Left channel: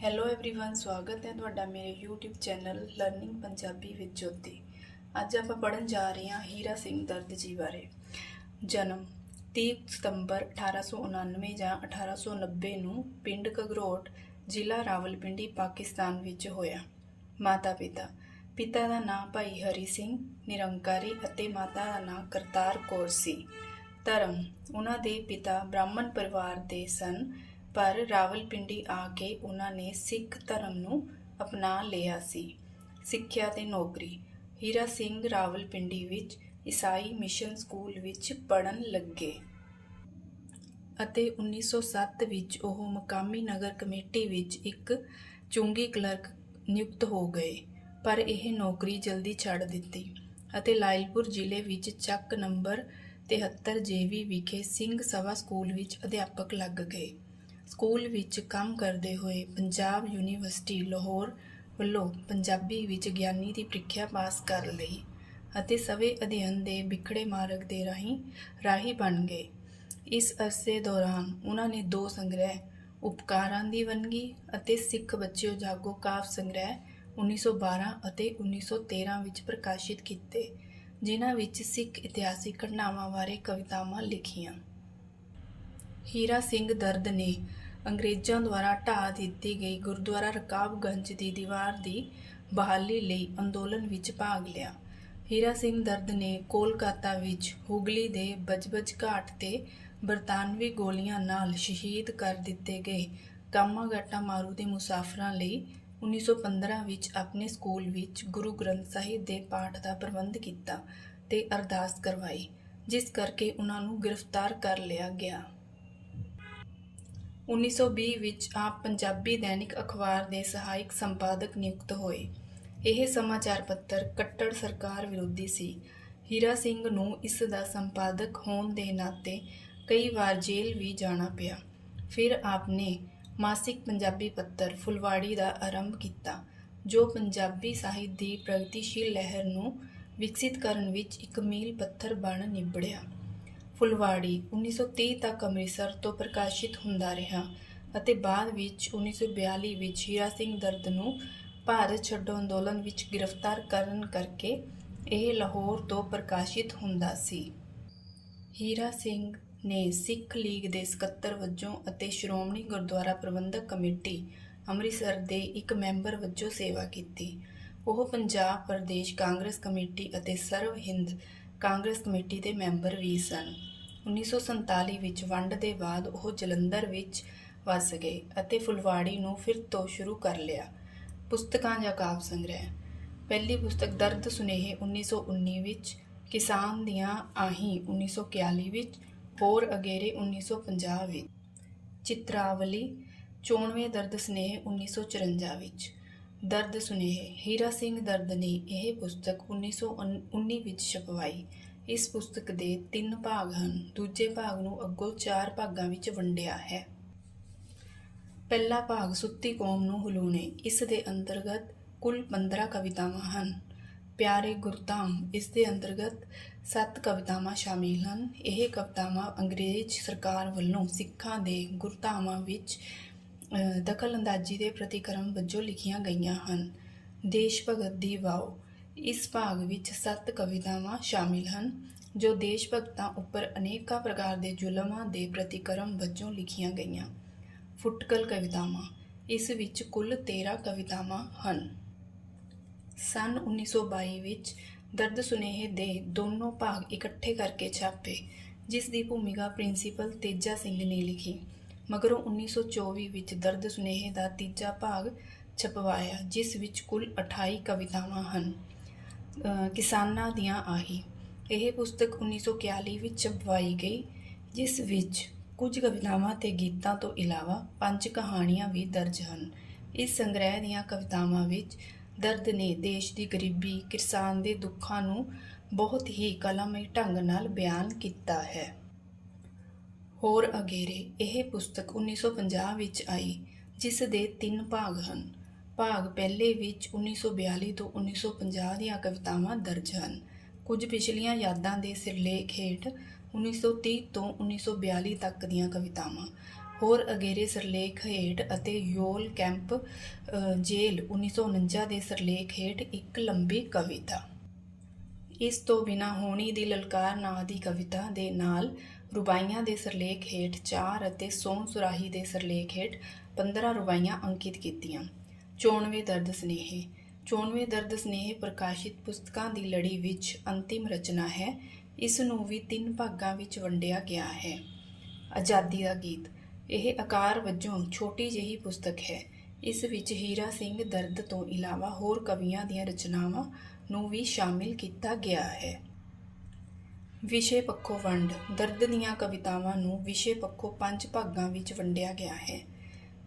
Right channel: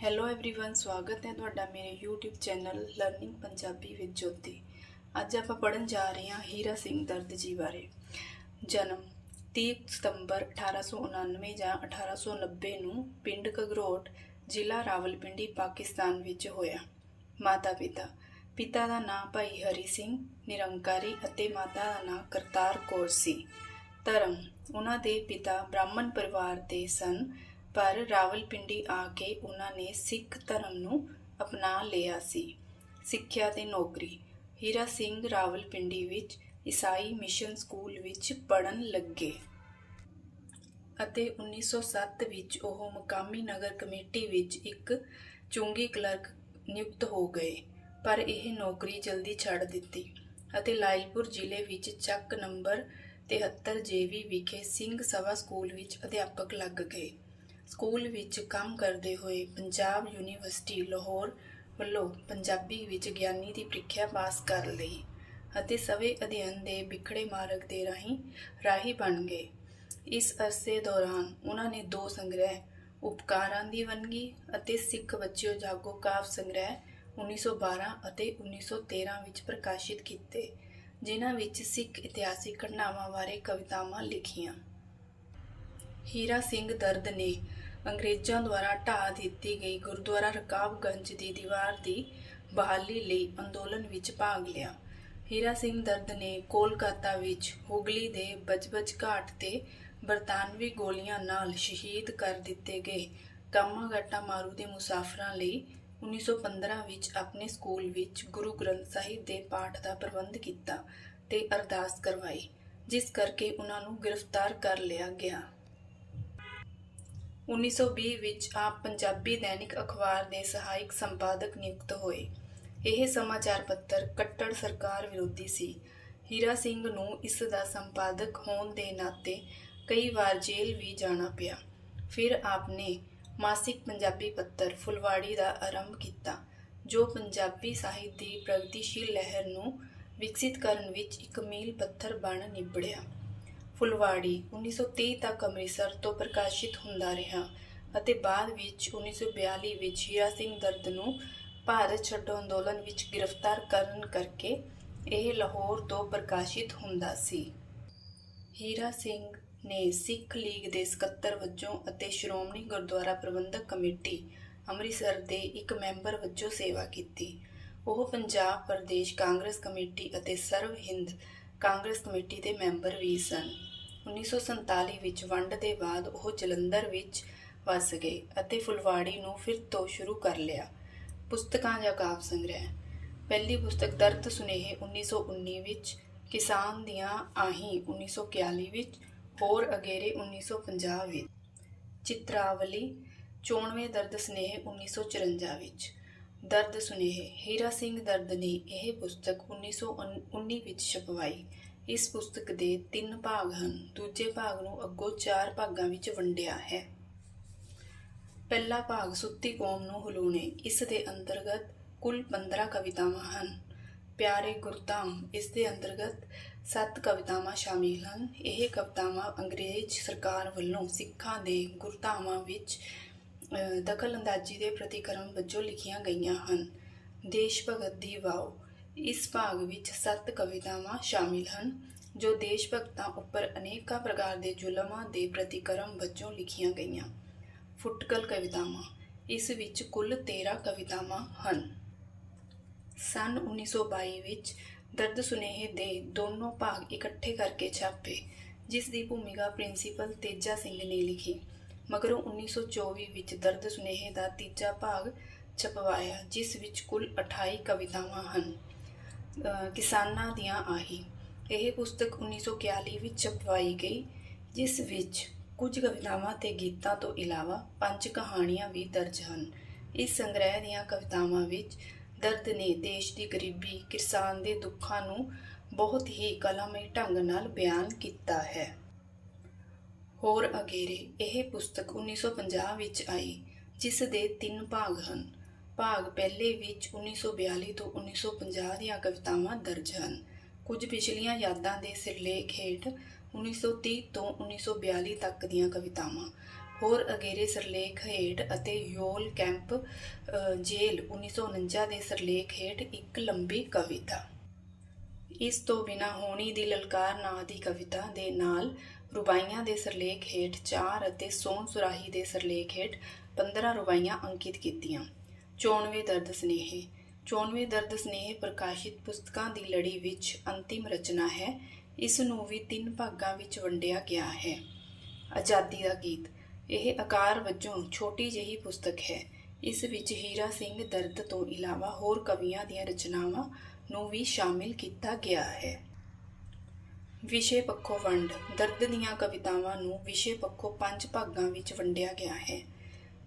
Hello everyone ਸਵਾਗਤ ਹੈ ਤੁਹਾਡਾ ਮੇਰੇ YouTube channel learning Punjabi with Jyoti ਅੱਜ ਆਪਾਂ ਪੜਨ ਜਾ ਰਹੇ ਹਾਂ ਹੀਰਾ ਸਿੰਘ ਦਰਦ ਜੀ ਬਾਰੇ ਜਨਮ 30 ਸਤੰਬਰ 1899 ਜਾਂ 1890 ਨੂੰ ਪਿੰਡ ਕਗਰੋਟ ਜ਼ਿਲ੍ਹਾ ਰਾਵਲਪਿੰਡੀ ਪਾਕਿਸਤਾਨ ਵਿੱਚ ਹੋਇਆ ਮਾਤਾ ਪਿਤਾ ਪਿਤਾ ਦਾ ਨਾਮ ਭਾਈ ਹਰੀ ਸਿੰਘ ਨਿਰੰਕਾਰੀ ਅਤੇ ਮਾਤਾ ਦਾ ਨਾਮ ਕਰਤਾਰ ਕੌਰ ਸੀ ਧਰਮ ਉਹਨਾਂ ਦੇ ਪਿਤਾ ਬ੍ਰਾਹਮਣ ਪਰਿਵਾਰ ਦੇ ਸਨ ਪਰ ਰਾਵਲਪਿੰਡੀ ਆ ਕੇ ਉਹਨਾਂ ਨੇ ਸਿੱਖ ਧਰਮ ਨੂੰ ਅਪਣਾ ਲਿਆ ਸੀ। ਸਿੱਖਿਆ ਤੇ ਨੌਕਰੀ। ਹੀਰਾ ਸਿੰਘ ਰਾਵਲਪਿੰਡੀ ਵਿੱਚ ਈਸਾਈ ਮਿਸ਼ਨ ਸਕੂਲ ਵਿੱਚ ਪੜਨ ਲੱਗੇ ਅਤੇ 1907 ਵਿੱਚ ਉਹ ਮਕਾਮੀ ਨਗਰ ਕਮੇਟੀ ਵਿੱਚ ਇੱਕ ਚੁੰਗੀ ਕਲਰਕ ਨਿਯੁਕਤ ਹੋ ਗਏ, ਪਰ ਇਹ ਨੌਕਰੀ ਜਲਦੀ ਛੱਡ ਦਿੱਤੀ ਅਤੇ ਲਾਇਲਪੁਰ ਜ਼ਿਲ੍ਹੇ ਵਿੱਚ ਚੱਕ ਨੰਬਰ 73 ਜੇਵੀ ਵਿਖੇ ਸਿੰਘ ਸਭਾ ਸਕੂਲ ਵਿੱਚ ਅਧਿਆਪਕ ਲੱਗ ਗਏ। ਸਕੂਲ ਵਿੱਚ ਕੰਮ ਕਰਦੇ ਹੋਏ ਪੰਜਾਬ ਯੂਨੀਵਰਸਿਟੀ ਲਾਹੌਰ ਵੱਲੋਂ ਪੰਜਾਬੀ ਵਿੱਚ ਗਿਆਨੀ ਦੀ ਪ੍ਰੀਖਿਆ ਪਾਸ ਕਰ ਲਈ ਅਤੇ ਸਵੇ ਅਧਿਐਨ ਦੇ ਵਿਖੜੇ ਮਾਰਗ ਦੇ ਰਾਹੀਂ ਰਾਹੀ ਬਣ ਗਏ। ਇਸ ਅਰਸੇ ਦੌਰਾਨ ਉਹਨਾਂ ਨੇ ਦੋ ਸੰਗ੍ਰਹਿ, ਉਪਕਾਰਾਂ ਦੀ ਵੰਨਗੀ ਅਤੇ ਸਿੱਖ ਬੱਚਿਓ ਜਾਗੋ ਕਾਵ ਸੰਗ੍ਰਹਿ 1912 ਅਤੇ 1913 ਵਿੱਚ ਪ੍ਰਕਾਸ਼ਿਤ ਕੀਤੇ, ਜਿਨ੍ਹਾਂ ਵਿੱਚ ਸਿੱਖ ਇਤਿਹਾਸਿਕ ਘਟਨਾਵਾਂ ਬਾਰੇ ਕਵਿਤਾਵਾਂ ਲਿਖੀਆਂ। ਹੀਰਾ ਸਿੰਘ ਦਰਦ ਨੇ ਅੰਗਰੇਜ਼ਾਂ ਦੁਆਰਾ ਢਾਹ ਦਿੱਤੀ ਗਈ ਗੁਰਦੁਆਰਾ ਰਕਾਬਗੰਜ ਦੀ ਦੀਵਾਰ ਦੀ ਬਹਾਲੀ ਲਈ ਅੰਦੋਲਨ ਵਿੱਚ ਭਾਗ ਲਿਆ। ਹੀਰਾ ਸਿੰਘ ਦਰਦ ਨੇ ਕੋਲਕਾਤਾ ਵਿੱਚ ਹੁਗਲੀ ਦੇ ਬਜਬਜ ਘਾਟ ਤੇ ਬਰਤਾਨਵੀ ਗੋਲੀਆਂ ਨਾਲ ਸ਼ਹੀਦ ਕਰ ਦਿੱਤੇ ਗਏ ਕਾਮਾਗਾਟਾ ਮਾਰੂ ਦੇ ਮੁਸਾਫਰਾਂ ਲਈ 1915 ਵਿੱਚ ਆਪਣੇ ਸਕੂਲ ਵਿੱਚ ਗੁਰੂ ਗ੍ਰੰਥ ਸਾਹਿਬ ਦੇ ਪਾਠ ਦਾ ਪ੍ਰਬੰਧ ਕੀਤਾ ਤੇ ਅਰਦਾਸ ਕਰਵਾਈ, ਜਿਸ ਕਰਕੇ ਉਹਨਾਂ ਨੂੰ ਗ੍ਰਿਫਤਾਰ ਕਰ ਲਿਆ ਗਿਆ। 1920 ਵਿੱਚ ਆਪ ਪੰਜਾਬੀ ਦੈਨਿਕ ਅਖਬਾਰ ਦੇ ਸਹਾਇਕ ਸੰਪਾਦਕ ਨਿਯੁਕਤ ਹੋਏ। ਇਹ ਸਮਾਚਾਰ ਪੱਤਰ ਕੱਟੜ ਸਰਕਾਰ ਵਿਰੋਧੀ ਸੀ। ਹੀਰਾ ਸਿੰਘ ਨੂੰ ਇਸ ਦਾ ਸੰਪਾਦਕ ਹੋਣ ਦੇ ਨਾਤੇ ਕਈ ਵਾਰ ਜੇਲ੍ਹ ਵੀ ਜਾਣਾ ਪਿਆ। ਫਿਰ ਆਪ ਨੇ ਮਾਸਿਕ ਪੰਜਾਬੀ ਪੱਤਰ ਫੁਲਵਾੜੀ ਦਾ ਆਰੰਭ ਕੀਤਾ, ਜੋ ਪੰਜਾਬੀ ਸਾਹਿਤ ਦੀ ਪ੍ਰਗਤੀਸ਼ੀਲ ਲਹਿਰ ਨੂੰ ਵਿਕਸਿਤ ਕਰਨ ਵਿੱਚ ਇੱਕ ਮੀਲ ਪੱਥਰ ਬਣ ਨਿਬੜਿਆ। ਫੁਲਵਾੜੀ 1930 ਤੱਕ ਅੰਮ੍ਰਿਤਸਰ ਤੋਂ ਪ੍ਰਕਾਸ਼ਿਤ ਹੁੰਦਾ ਰਿਹਾ ਅਤੇ ਬਾਅਦ ਵਿੱਚ 1942 ਵਿੱਚ ਹੀਰਾ ਸਿੰਘ ਦਰਦ ਨੂੰ ਭਾਰਤ ਛੱਡੋ ਅੰਦੋਲਨ ਵਿੱਚ ਗ੍ਰਿਫਤਾਰ ਕਰਨ ਕਰਕੇ ਇਹ ਲਾਹੌਰ ਤੋਂ ਪ੍ਰਕਾਸ਼ਿਤ ਹੁੰਦਾ ਸੀ। ਹੀਰਾ ਸਿੰਘ ਨੇ ਸਿੱਖ ਲੀਗ ਦੇ ਸਕੱਤਰ ਵਜੋਂ ਅਤੇ ਸ਼੍ਰੋਮਣੀ ਗੁਰਦੁਆਰਾ ਪ੍ਰਬੰਧਕ ਕਮੇਟੀ ਅੰਮ੍ਰਿਤਸਰ ਦੇ ਇੱਕ ਮੈਂਬਰ ਵਜੋਂ ਸੇਵਾ ਕੀਤੀ। ਉਹ ਪੰਜਾਬ ਪ੍ਰਦੇਸ਼ ਕਾਂਗਰਸ ਕਮੇਟੀ ਅਤੇ ਸਰਵ ਹਿੰਦ ਕਾਂਗਰਸ ਕਮੇਟੀ ਦੇ ਮੈਂਬਰ ਵੀ ਸਨ। 1947 ਵਿੱਚ ਵੰਡ ਦੇ ਬਾਅਦ ਉਹ ਜਲੰਧਰ ਵਿੱਚ ਵਸ ਗਏ ਅਤੇ ਫੁਲਵਾੜੀ ਨੂੰ ਫਿਰ ਤੋਂ ਸ਼ੁਰੂ ਕਰ ਲਿਆ। ਪੁਸਤਕਾਂ ਜਾਂ ਕਾਵਿ ਸੰਗ੍ਰਹਿ। ਪਹਿਲੀ ਪੁਸਤਕ ਦਰਦ ਸੁਨੇਹੇ 1919 ਵਿੱਚ, ਕਿਸਾਨ ਦੀਆਂ ਆਹੀਂ 1941 ਵਿੱਚ, ਹੋਰ ਅਗੇਰੇ 1950 ਵਿੱਚ। ਚਿਤਰਾਵਲੀ 94 ਦਰਦ ਸੁਨੇਹੇ 1954 ਵਿੱਚ। ਦਰਦ ਸੁਨੇਹੇ। ਹੀਰਾ ਸਿੰਘ ਦਰਦ ਨੇ ਇਹ ਪੁਸਤਕ 1919 ਵਿੱਚ ਛਪਵਾਈ। ਇਸ ਪੁਸਤਕ ਦੇ ਤਿੰਨ ਭਾਗ ਹਨ। ਦੂਜੇ ਭਾਗ ਨੂੰ ਅੱਗੋਂ ਚਾਰ ਭਾਗਾਂ ਵਿੱਚ ਵੰਡਿਆ ਹੈ। ਪਹਿਲਾ ਭਾਗ ਸੁੱਤੀ ਕੌਮ ਨੂੰ ਹਲੂਣੇ। ਇਸ ਦੇ ਅੰਤਰਗਤ ਕੁੱਲ 15 ਕਵਿਤਾਵਾਂ ਹਨ। ਪਿਆਰੇ ਗੁਰਧਾਮ, ਇਸ ਦੇ ਅੰਤਰਗਤ ਸੱਤ ਕਵਿਤਾਵਾਂ ਸ਼ਾਮਿਲ ਹਨ। ਇਹ ਕਵਿਤਾਵਾਂ ਅੰਗਰੇਜ਼ ਸਰਕਾਰ ਵੱਲੋਂ ਸਿੱਖਾਂ ਦੇ ਗੁਰਧਾਮਾਂ ਵਿੱਚ ਦਖਲਅੰਦਾਜ਼ੀ ਦੇ ਪ੍ਰਤੀਕਰਮ ਵਜੋਂ ਲਿਖੀਆਂ ਗਈਆਂ ਹਨ। ਦੇਸ਼ ਭਗਤ ਦੀ ਵਾਓ। ਇਸ ਭਾਗ ਵਿੱਚ ਸੱਤ ਕਵਿਤਾਵਾਂ ਸ਼ਾਮਿਲ ਹਨ, ਜੋ ਦੇਸ਼ ਭਗਤਾਂ ਉੱਪਰ ਅਨੇਕਾਂ ਪ੍ਰਕਾਰ ਦੇ ਜ਼ੁਲਮਾਂ ਦੇ ਪ੍ਰਤੀਕਰਮ ਵਜੋਂ ਲਿਖੀਆਂ ਗਈਆਂ। ਫੁਟਕਲ ਕਵਿਤਾਵਾਂ, ਇਸ ਵਿੱਚ ਕੁੱਲ 13 ਕਵਿਤਾਵਾਂ ਹਨ। ਸਨ 1922 ਵਿੱਚ ਦਰਦ ਸੁਨੇਹੇ ਦੇ ਦੋਨੋਂ ਭਾਗ ਇਕੱਠੇ ਕਰਕੇ ਛਾਪੇ, ਜਿਸ ਦੀ ਭੂਮਿਕਾ ਪ੍ਰਿੰਸੀਪਲ ਤੇਜਾ ਸਿੰਘ ਨੇ ਲਿਖੀ। ਮਗਰੋਂ 1924 ਵਿੱਚ ਦਰਦ ਸੁਨੇਹੇ ਦਾ ਤੀਜਾ ਭਾਗ ਛਪਵਾਇਆ, ਜਿਸ ਵਿੱਚ ਕੁੱਲ 28 ਕਵਿਤਾਵਾਂ ਹਨ। ਕਿਸਾਨਾਂ ਦੀਆਂ ਆਹੀ। ਇਹ ਪੁਸਤਕ 1941 ਵਿੱਚ ਛਪਵਾਈ ਗਈ, ਜਿਸ ਵਿੱਚ ਕੁਝ ਕਵਿਤਾਵਾਂ ਤੇ ਗੀਤਾਂ ਤੋਂ ਇਲਾਵਾ ਪੰਜ ਕਹਾਣੀਆਂ ਵੀ ਦਰਜ ਹਨ। ਇਸ ਸੰਗ੍ਰਹਿ ਦੀਆਂ ਕਵਿਤਾਵਾਂ ਵਿੱਚ ਦਰਦ ਨੇ ਦੇਸ਼ ਦੀ ਗਰੀਬੀ, ਕਿਸਾਨ ਦੇ ਦੁੱਖਾਂ ਨੂੰ ਬਹੁਤ ਹੀ ਕਲਾਮਈ ਢੰਗ ਨਾਲ ਬਿਆਨ ਕੀਤਾ ਹੈ। ਹੋਰ ਅਗੇਰੇ, ਇਹ ਪੁਸਤਕ 1950 ਵਿੱਚ ਆਈ, ਜਿਸ ਦੇ ਤਿੰਨ ਭਾਗ ਹਨ। ਭਾਗ ਪਹਿਲੇ ਵਿੱਚ 1942 ਤੋਂ 1950 ਦੀਆਂ ਕਵਿਤਾਵਾਂ ਦਰਜ ਹਨ। ਕੁਝ ਪਿਛਲੀਆਂ ਯਾਦਾਂ ਦੇ ਸਿਰਲੇਖ ਹੇਠ 1930 ਤੋਂ 1942 ਤੱਕ ਦੀਆਂ ਕਵਿਤਾਵਾਂ। ਹੋਰ ਅਗੇਰੇ ਸਿਰਲੇਖ ਹੇਠ ਅਤੇ ਯੋਲ ਕੈਂਪ ਅ, ਜੇਲ੍ਹ 1949 ਦੇ ਸਿਰਲੇਖ ਹੇਠ ਇੱਕ ਲੰਬੀ ਕਵਿਤਾ। ਇਸ ਤੋਂ ਬਿਨਾ ਹੋਣੀ ਦੀ ਲਲਕਾਰ ਨਾਂ ਦੀ ਕਵਿਤਾ ਦੇ ਨਾਲ ਰੁਬਾਈਆਂ ਦੇ ਸਿਰਲੇਖ ਹੇਠ 4 ਅਤੇ ਸੋਨ ਸੁਰਾਹੀ ਦੇ ਸਿਰਲੇਖ ਹੇਠ 15 ਰੁਬਾਈਆਂ ਅੰਕਿਤ ਕੀਤੀਆਂ। 94 ਦਰਦ ਸਨੇਹੇ। 94 ਦਰਦ ਸਨੇਹ ਪ੍ਰਕਾਸ਼ਿਤ ਪੁਸਤਕਾਂ ਦੀ ਲੜੀ ਵਿੱਚ ਅੰਤਿਮ ਰਚਨਾ ਹੈ। ਇਸ ਨੂੰ ਵੀ ਤਿੰਨ ਭਾਗਾਂ ਵਿੱਚ ਵੰਡਿਆ ਗਿਆ ਹੈ। ਆਜ਼ਾਦੀ ਦਾ ਗੀਤ। ਇਹ ਆਕਾਰ ਵਜੋਂ ਛੋਟੀ ਜਿਹੀ ਪੁਸਤਕ ਹੈ। ਇਸ ਵਿੱਚ ਹੀਰਾ ਸਿੰਘ ਦਰਦ ਤੋਂ ਇਲਾਵਾ ਹੋਰ ਕਵੀਆਂ ਦੀਆਂ ਰਚਨਾਵਾਂ ਨੂੰ ਵੀ ਸ਼ਾਮਿਲ ਕੀਤਾ ਗਿਆ ਹੈ। ਵਿਸ਼ੇ ਪੱਖੋਂ ਵੰਡ। ਦਰਦ ਦੀਆਂ ਕਵਿਤਾਵਾਂ ਨੂੰ ਵਿਸ਼ੇ ਪੱਖੋਂ ਪੰਜ ਭਾਗਾਂ ਵਿੱਚ ਵੰਡਿਆ ਗਿਆ ਹੈ।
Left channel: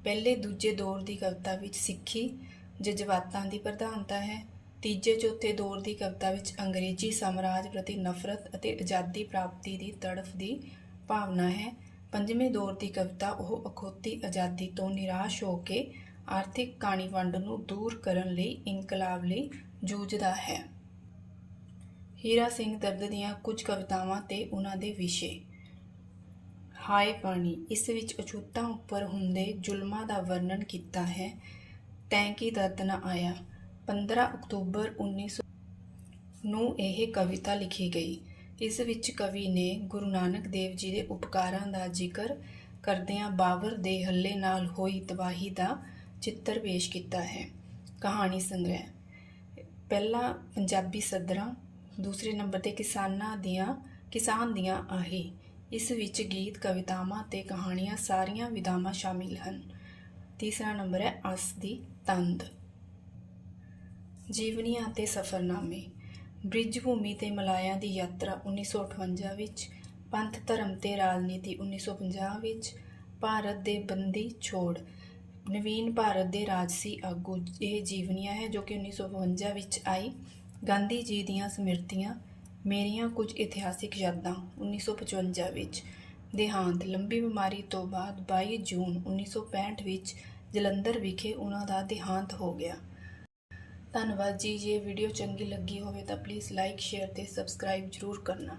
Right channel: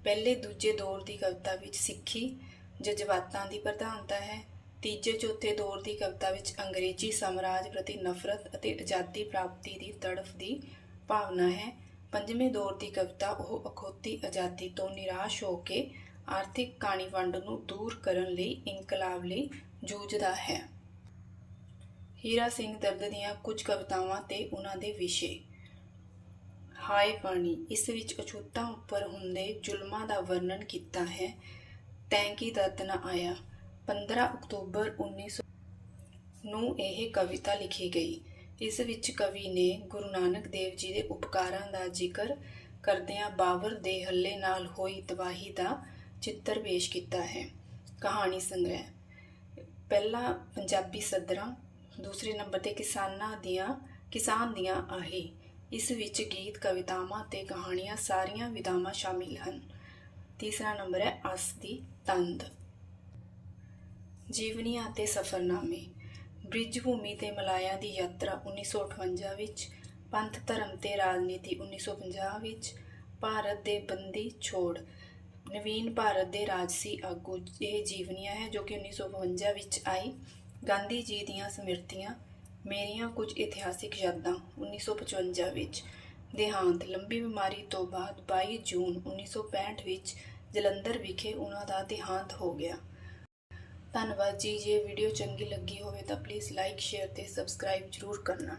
ਪਹਿਲੇ ਦੂਜੇ ਦੌਰ ਦੀ ਕਵਿਤਾ ਵਿੱਚ ਸਿੱਖੀ ਜਜ਼ਬਾਤਾਂ ਦੀ ਪ੍ਰਧਾਨਤਾ ਹੈ। ਤੀਜੇ ਚੌਥੇ ਦੌਰ ਦੀ ਕਵਿਤਾ ਵਿੱਚ ਅੰਗਰੇਜ਼ੀ ਸਾਮਰਾਜ ਪ੍ਰਤੀ ਨਫ਼ਰਤ ਅਤੇ ਆਜ਼ਾਦੀ ਪ੍ਰਾਪਤੀ ਦੀ ਤੜਫ ਦੀ ਭਾਵਨਾ ਹੈ। ਪੰਜਵੇਂ ਦੌਰ ਦੀ ਕਵਿਤਾ ਉਹ ਅਖੌਤੀ ਆਜ਼ਾਦੀ ਤੋਂ ਨਿਰਾਸ਼ ਹੋ ਕੇ ਆਰਥਿਕ ਕਾਣੀ ਵੰਡ ਨੂੰ ਦੂਰ ਕਰਨ ਲਈ, ਇਨਕਲਾਬ ਲਈ ਜੂਝਦਾ ਹੈ। ਹੀਰਾ ਸਿੰਘ ਦਰਦ ਦੀਆਂ ਕੁਝ ਕਵਿਤਾਵਾਂ ਤੇ ਉਹਨਾਂ ਦੇ ਵਿਸ਼ੇ ਹਾਏ ਪਾਣੀ ਇਸ ਵਿੱਚ ਅਛੂਤਾਂ ਉੱਪਰ ਹੁੰਦੇ ਜ਼ੁਲਮਾਂ ਦਾ ਵਰਣਨ ਕੀਤਾ ਹੈ। ਤੈਂ ਕੀ ਦਰਦ ਨਾ ਆਇਆ? 15 ਅਕਤੂਬਰ 1900 ਨੂੰ ਇਹ ਕਵਿਤਾ ਲਿਖੀ ਗਈ। ਇਸ ਵਿੱਚ ਕਵੀ ਨੇ ਗੁਰੂ ਨਾਨਕ ਦੇਵ ਜੀ ਦੇ ਉਪਕਾਰਾਂ ਦਾ ਜ਼ਿਕਰ ਕਰਦਿਆਂ ਬਾਬਰ ਦੇ ਹੱਲੇ ਨਾਲ ਹੋਈ ਤਬਾਹੀ ਦਾ ਚਿੱਤਰ ਪੇਸ਼ ਕੀਤਾ ਹੈ। ਕਹਾਣੀ ਸੰਗ੍ਰਹਿ। ਪਹਿਲਾ ਪੰਜਾਬੀ ਸਦਰਾਂ, ਦੂਸਰੇ ਨੰਬਰ ਤੇ ਕਿਸਾਨਾਂ ਦੀਆਂ, ਕਿਸਾਨ ਦੀਆਂ ਆਹੀ। ਇਸ ਵਿੱਚ ਗੀਤ, ਕਵਿਤਾਵਾਂ ਤੇ ਕਹਾਣੀਆਂ ਸਾਰੀਆਂ ਵਿਧਾਵਾਂ ਸ਼ਾਮਿਲ ਹਨ। ਤੀਸਰਾ ਨੰਬਰ ਹੈ, ਅਸ ਦੀ ਤੰਦ। ਜੀਵਨੀਆਂ ਤੇ ਸਫ਼ਰਨਾਮੇ। ਬ੍ਰਿਜ ਭੂਮੀ ਤੇ ਮਲਾਇਆ ਦੀ ਯਾਤਰਾ 1958 ਵਿੱਚ, ਪੰਥ ਧਰਮ ਤੇ ਰਾਜਨੀਤੀ 1950 ਵਿੱਚ, ਭਾਰਤ ਦੇ ਬੰਦੀ ਛੋੜ। ਨਵੀਨ ਭਾਰਤ ਦੇ ਰਾਜਸੀ ਆਗੂ ਇਹ ਜੀਵਨੀਆਂ ਹੈ ਜੋ ਕਿ 1952 ਵਿੱਚ ਆਈ। ਗਾਂਧੀ ਜੀ ਦੀਆਂ ਸਮਿਰਤੀਆਂ ਮੇਰੀਆਂ ਕੁਝ ਇਤਿਹਾਸਿਕ ਯਾਦਾਂ 1955 ਵਿੱਚ, ਦੇਹਾਂਤ, ਲੰਬੀ ਬਿਮਾਰੀ ਤੋਂ ਬਾਅਦ 22 ਜੂਨ 1965 ਵਿੱਚ ਜਲੰਧਰ ਵਿਖੇ ਉਹਨਾਂ ਦਾ ਦੇਹਾਂਤ ਹੋ ਗਿਆ। ਧੰਨਵਾਦ ਜੀ, ਜੇ ਵੀਡੀਓ ਚੰਗੀ ਲੱਗੀ ਹੋਵੇ ਤਾਂ ਪਲੀਜ਼ ਲਾਈਕ ਸ਼ੇਅਰ ਤੇ ਸਬਸਕ੍ਰਾਈਬ ਜ਼ਰੂਰ ਕਰਨਾ।